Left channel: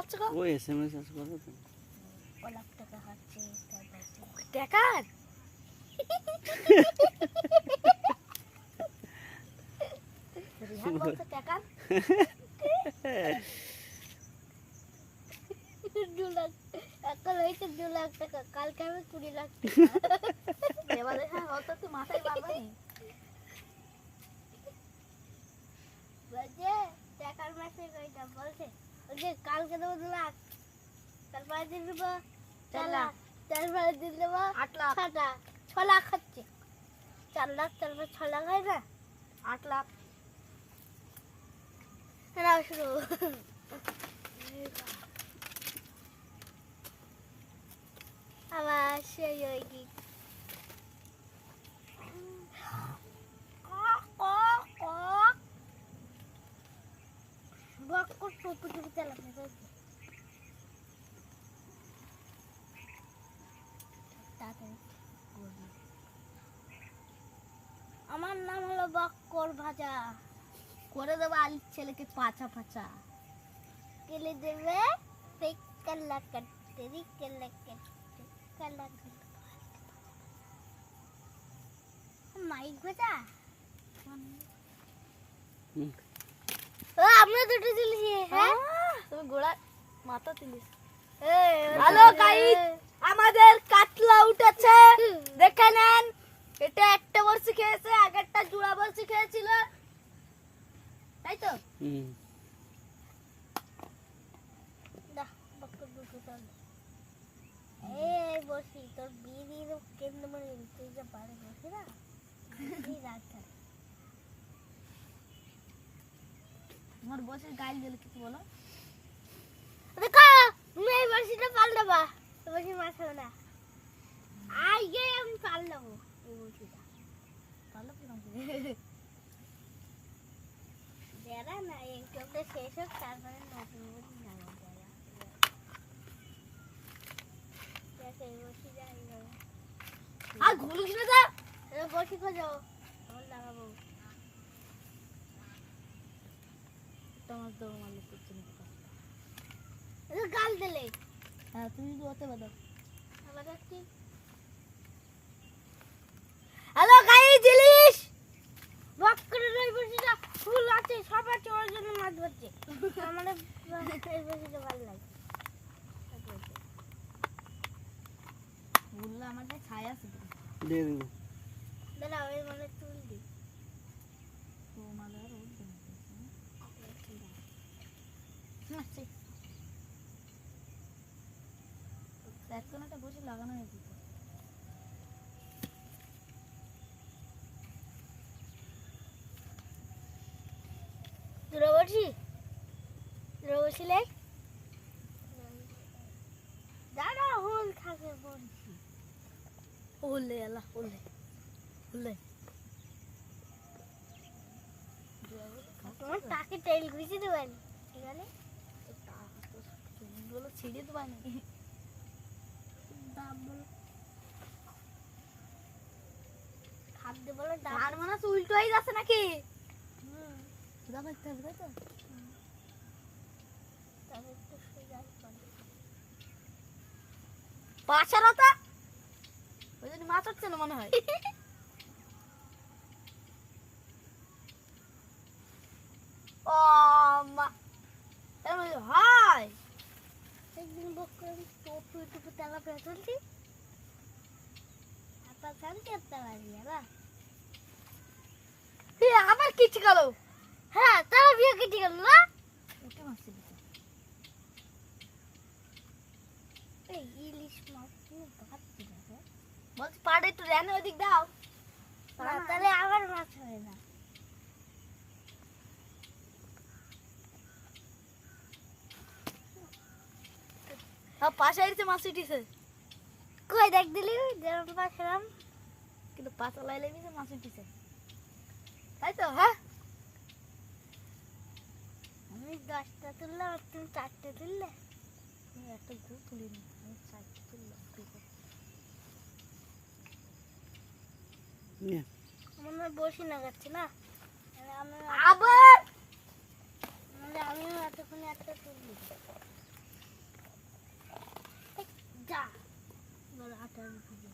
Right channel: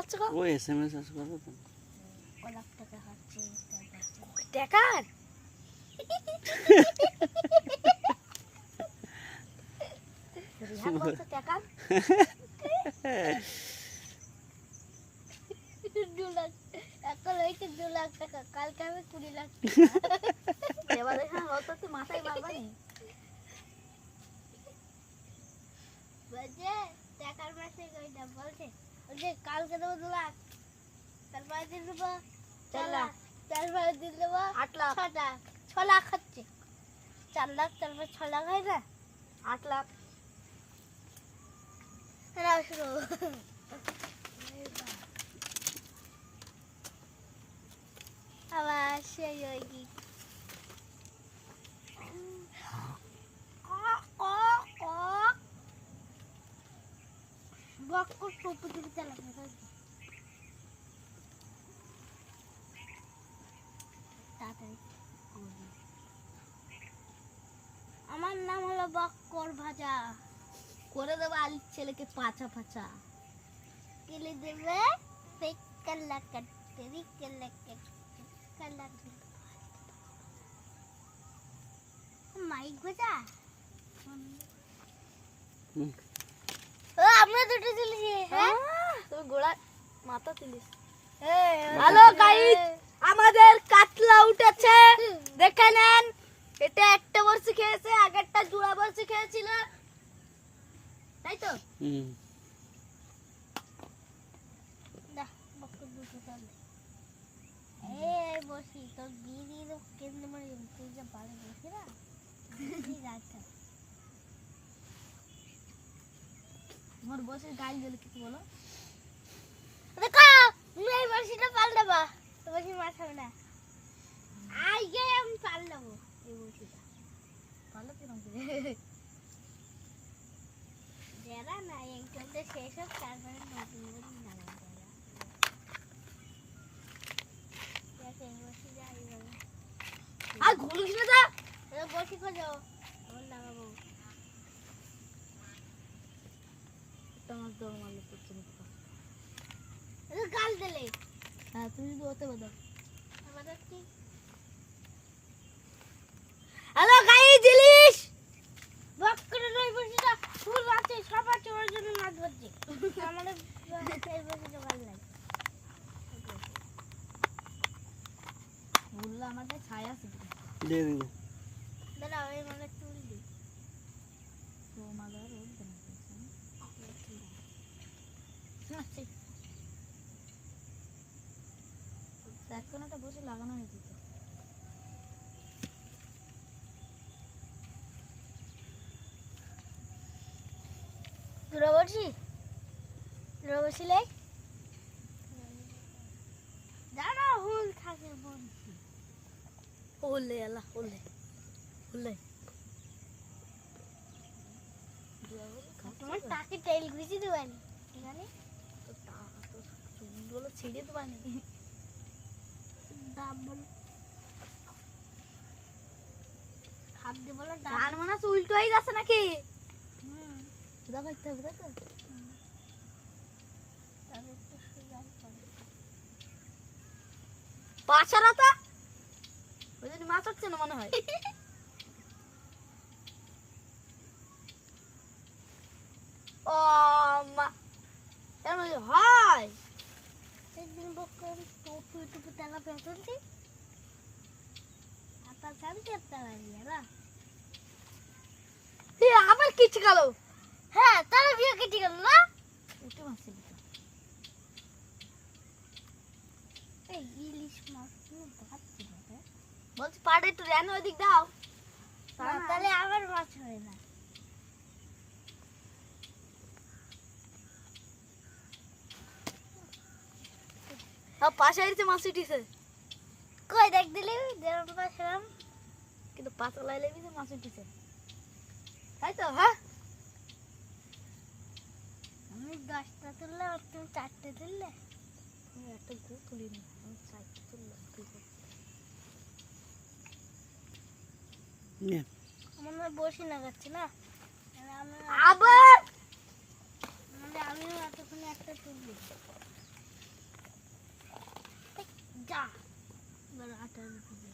হচ্ছে গো? ও এসএমএস আছে করবো তো। ও লাখ টাকা হচ্ছে টাকা রিহান বলছে টাকা 2 লাখ এখন হয়েছে 2 লাখ টাকা কালকে আমি 20 লাখ টাকা এবার দেখা অত তো মাথায় মারবা নি বাজে টাকার মাসে কইটা বলছে ওকে কালকে দেবো 2 লাখ তারপরে দিন দেবো 4 লাখ তারপরে দিন দেবো 8 লাখ 6 লাখ হচ্ছে 4 লাখ তারপর 6 লাখ হয় না 8 লাখ না শুরু আবার সেই ওই কি আমার নাম হলো বক্কর ভাজা করে দেবো আলির ছেলেকে পাচা পাচা কেলে দেবে মাইক ভাজা ও আমরা দুটো তুলেছি হ্যাঁ তুমি গোড়া মাথা তুলিস হ্যালো গাইস আমাদের কাতলা উঠেছে দেখে নেন এটা একটা বর্ষি খেয়েছে আগেরটা জোড়া বর্ষি খেয়েছিল তাই তো না বক্কর দুটো চল এই বর্ষি তো বিড়ির কেন্দ্র মানে তুই যে বাড়ি বসে না এই রাতটা তোমার বসে গাইল দিলে কিছু বলো দেখো তুমি এই বর্ষিটা পাল দেবা তো বর্ষি মাছ হবে না আইগে আমি পাল দেবো এই বর্ষিটা পালো কি রকম যারা না একটুতে শেষ হোক তারপরে নতুন নতুন নাম আর ঘুলু কিনে দাও বসি খোঁজো আমার লাগাবো তোমার দৌড় মারলে করছে না গাল দিলে হ্যাঁ তুমি যদি ওতে বাদাও হ্যালো গাইস জিলিস বক্করের ওই বসিটা ফুল আছে সবার চোরের জন্য মাছ ধরছে আমাদের এই বসিটা ভালো লাগে বললা আমাদের ছায়া আছে দিয়ে দিন দাদা ওই মানে চুল দি তো মাদার রোড দেন না ঠিক একটা বসে লাগানো হয়েছে তো দূরে বসিলে দাঁড়া হোল থাকে বলছি হোলে আল্লাহ হোলে তোমার টাকে তেল ঘুষি দেবেন জানি তো চুলগুলো ছিঁড়ে দেবেন দাম বলো খাপ দে বলো ডাল মানে উল্টো হয়ে যাচ্ছে নাকি সুদা করতে হবে তাই তো তবে একটু সুগার পড়ে পাছারাটা ওই জন্য মাছ হচ্ছে না মনে হয় ও মা এমন হয় একদিন বকর টপু টপু তেলা পেছনছি আটা জানতে তেলা দিয়ে না আবার কিছু গেল হ্যাঁ তাহলে বিয়ে কেটে গেল না উঠে মারছে এই ইলিশ মাছ দেখাচ্ছি না বলছি পাড়ে একটু রেন ওইদিক দাও তাহলে আবার মাছ হয় না পাশে এসে মাছ উঠিছে কই দেখ দিলি যেরকম পাশাম কিন্তু পাতা লাইলে মাছ উঠিছে তাই তো হ্যাঁ আমি 10টা তুললাম আর তুমি 4টে তুললে আমি একটা গু তুলিনি আমি 4টে তুললাম আমার বসে লাগাচ্ছে না আমি আবার মানে আমি এতক্ষণে একটা তুললি ভিজে